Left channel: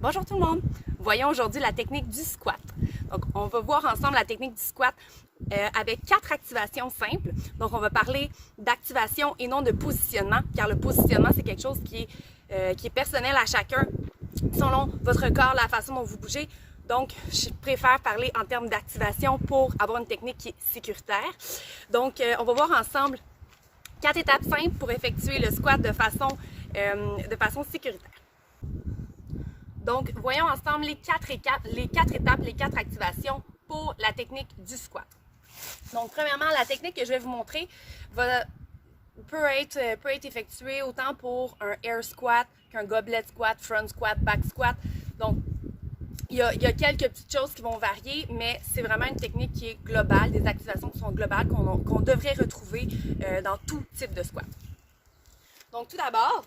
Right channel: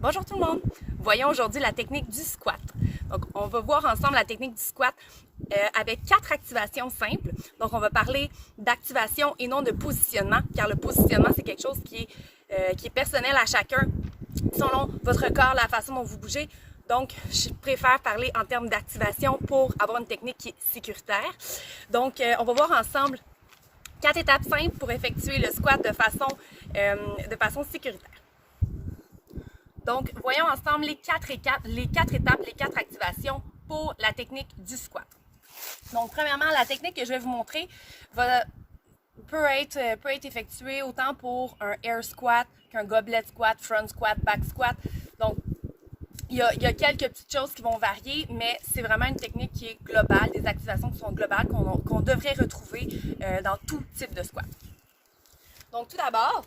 Bonjour tout le monde! Voyons aujourd'hui la technique du squat. Donc, on va voir ensemble la technique du squat avec 4 activations simples. Donc, on va parler d'activation et non de positionnement, car le positionnement, c'est quelque chose qui est personnel à chacun, selon votre corps, la façon dont vous bougez. Donc, je préfère parler en termes d'activation pour avoir une technique qui est sécuritaire. Donc, on va voir ensemble 4 étapes simples pour effectuer le squat de façon sécuritaire. Donc, voyons ensemble les quatre étapes, les 4 activations pour la technique du squat. Donc, premièrement, la technique que je vais vous montrer peut être effectuée autant pour un air squat qu'un goblet squat, front squat, back squat. Donc, il y a quelques petites choses qui vont varier, mais c'est vraiment une technique qui est globale, des activations qui sont globales, qu'on devrait retrouver dans tout type de squat. Donc, tout d'abord,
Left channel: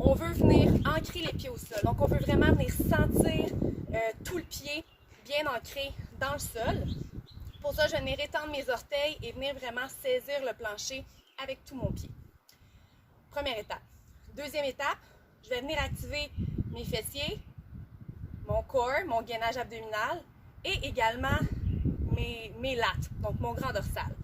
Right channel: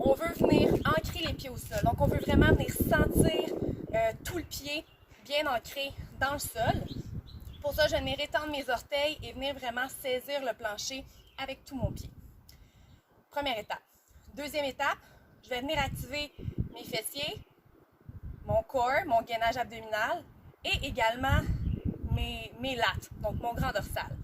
on veut venir ancrer les pieds au sol. Donc, on veut vraiment venir sentir tout le pied bien ancré dans le sol. Pour ça, je vais venir étendre mes orteils et venir vraiment saisir le plancher avec tout mon pied. Première étape. Deuxième étape, je vais venir activer mes fessiers, mon corps, mon gainage abdominal et également mes lattes, donc mon grand dorsal.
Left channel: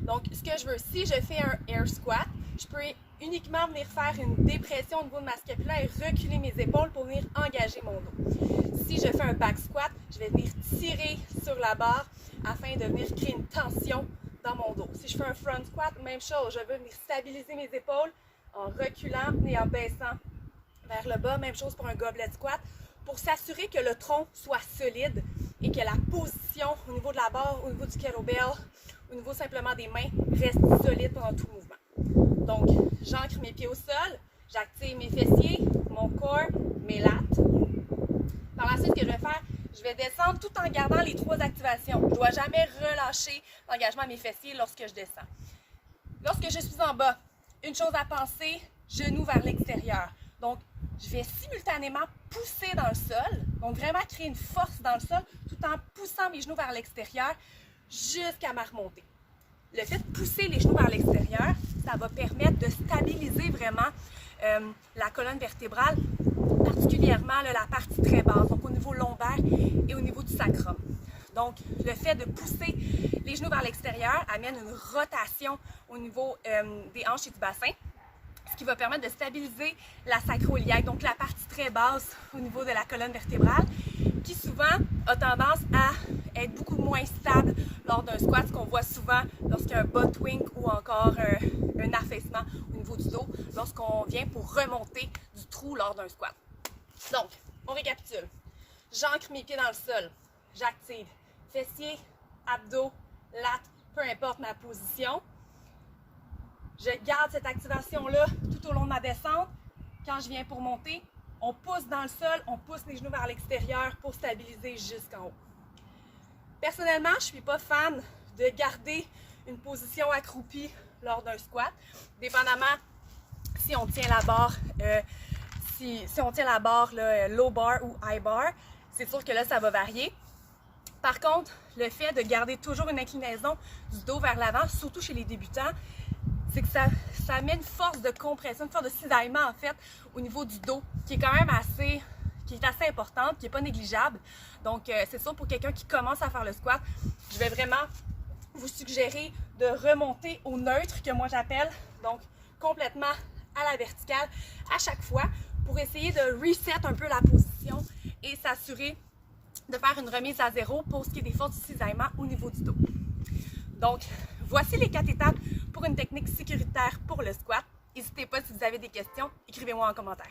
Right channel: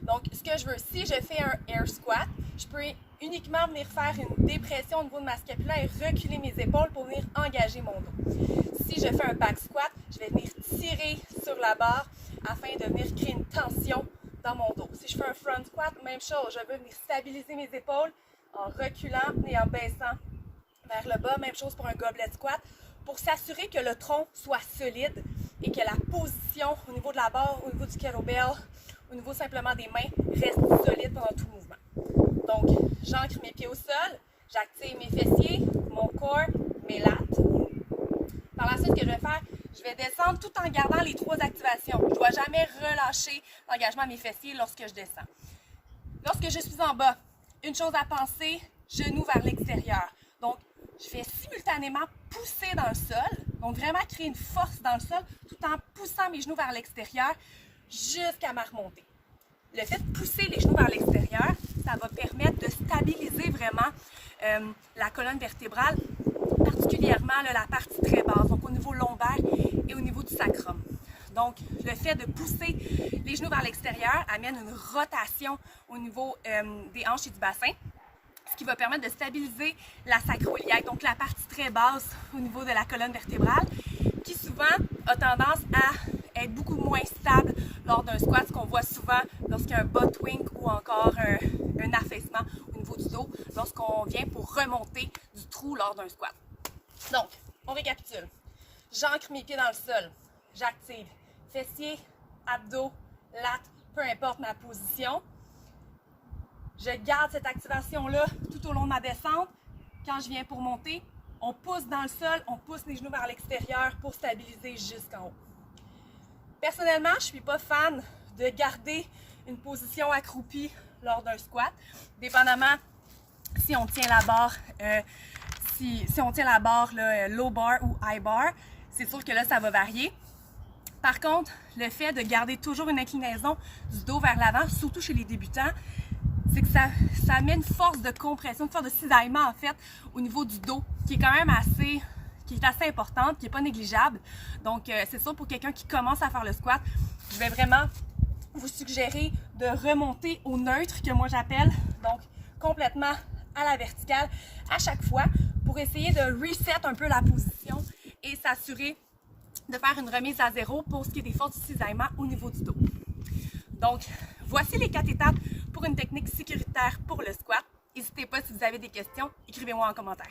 Donc, ce que je veux, si je fais un air squat, je peux uniquement venir faire une dépression au niveau de ma scapula et reculer mes épaules pour venir engager mon dos. Si je fais un back squat, je vais venir tirer sur la barre afin de venir créer une tension dans mon dos. Si je fais un front squat, même chose, je veux venir stabiliser mes épaules en reculant et en baissant vers le bas. Même chose pour un goblet squat, pour s'assurer que le tronc soit solide et que la position au niveau de la barre, au niveau du kettlebell, au niveau simplement des mains, reste solide pendant tout le mouvement. Donc, j'ancre mes pieds au sol, j'active mes fessiers, mon corps, mes lattes. Par la suite, ce que je vais faire, je vais descendre tout en gardant les 3 activations. Je ne dois jamais relâcher l'engagement à mes fessiers lorsque je descends. Lorsque je suis en bas, une chose à penser, genoux vers l'extérieur. Donc, je vais simultanément pousser dans le sol, donc vraiment créer une force dans le sol, tout en poussant mes genoux vers l'extérieur jusqu'à ma remontée. Le fait de pousser les genoux vers l'extérieur, ça va permettre de stabiliser vraiment la colonne vertébrale, particulièrement la partie très basse, donc au niveau lombaire et au niveau du sacrum. Donc, le fait de pousser les genoux vers l'extérieur amène une rotation au niveau des hanches et du bassin, ce qui va permettre de stabiliser la sacro-iliaque, donc la partie très basse au niveau de la colonne vertébrale, qui souvent a tendance à être beaucoup moins stable lors d'un squat, ce qu'on voit souvent lorsqu'il y a un butt wink ou encore un affaissement au niveau du dos, lorsqu'on vient pour remonter du trou lors d'un squat. Donc, on récapitule. J'ancre mes pieds dans le sol, j'active fessiers, abdos, lattes, peu importe ma position. Je garde cette activation-là tout au long de ma descente. Quand je viens pour monter, on pousse dans le sol, on pousse les genoux vers l'extérieur pour stabiliser jusqu'en haut. Personnellement, je ne suis pas fan de garder une position accroupie lors d'un squat, dépendamment si on tient la barre, si on tient la barre low bar ou high bar, c'est sûr que là, ça va varier. Par contre, le fait de garder toujours une inclinaison du dos vers l'avant, surtout chez les débutants, c'est que ça met une force de compression, une force de cisaillement en fait au niveau du dos, qui est quand même assez importante, qui n'est pas négligeable. Donc, c'est sûr pour quelqu'un qui commence à faire le squat, je vais vraiment vous suggérer de remonter au neutre, que moi j'appelle, donc complètement à la verticale à chaque fois, pour essayer de reset un peu la position et s'assurer de faire une remise à zéro pour ce qui est des forces de cisaillement au niveau du dos. Donc, voici les 4 étapes pour une technique sécuritaire pour le squat. N'hésitez pas si vous avez des questions, écrivez-moi en commentaire.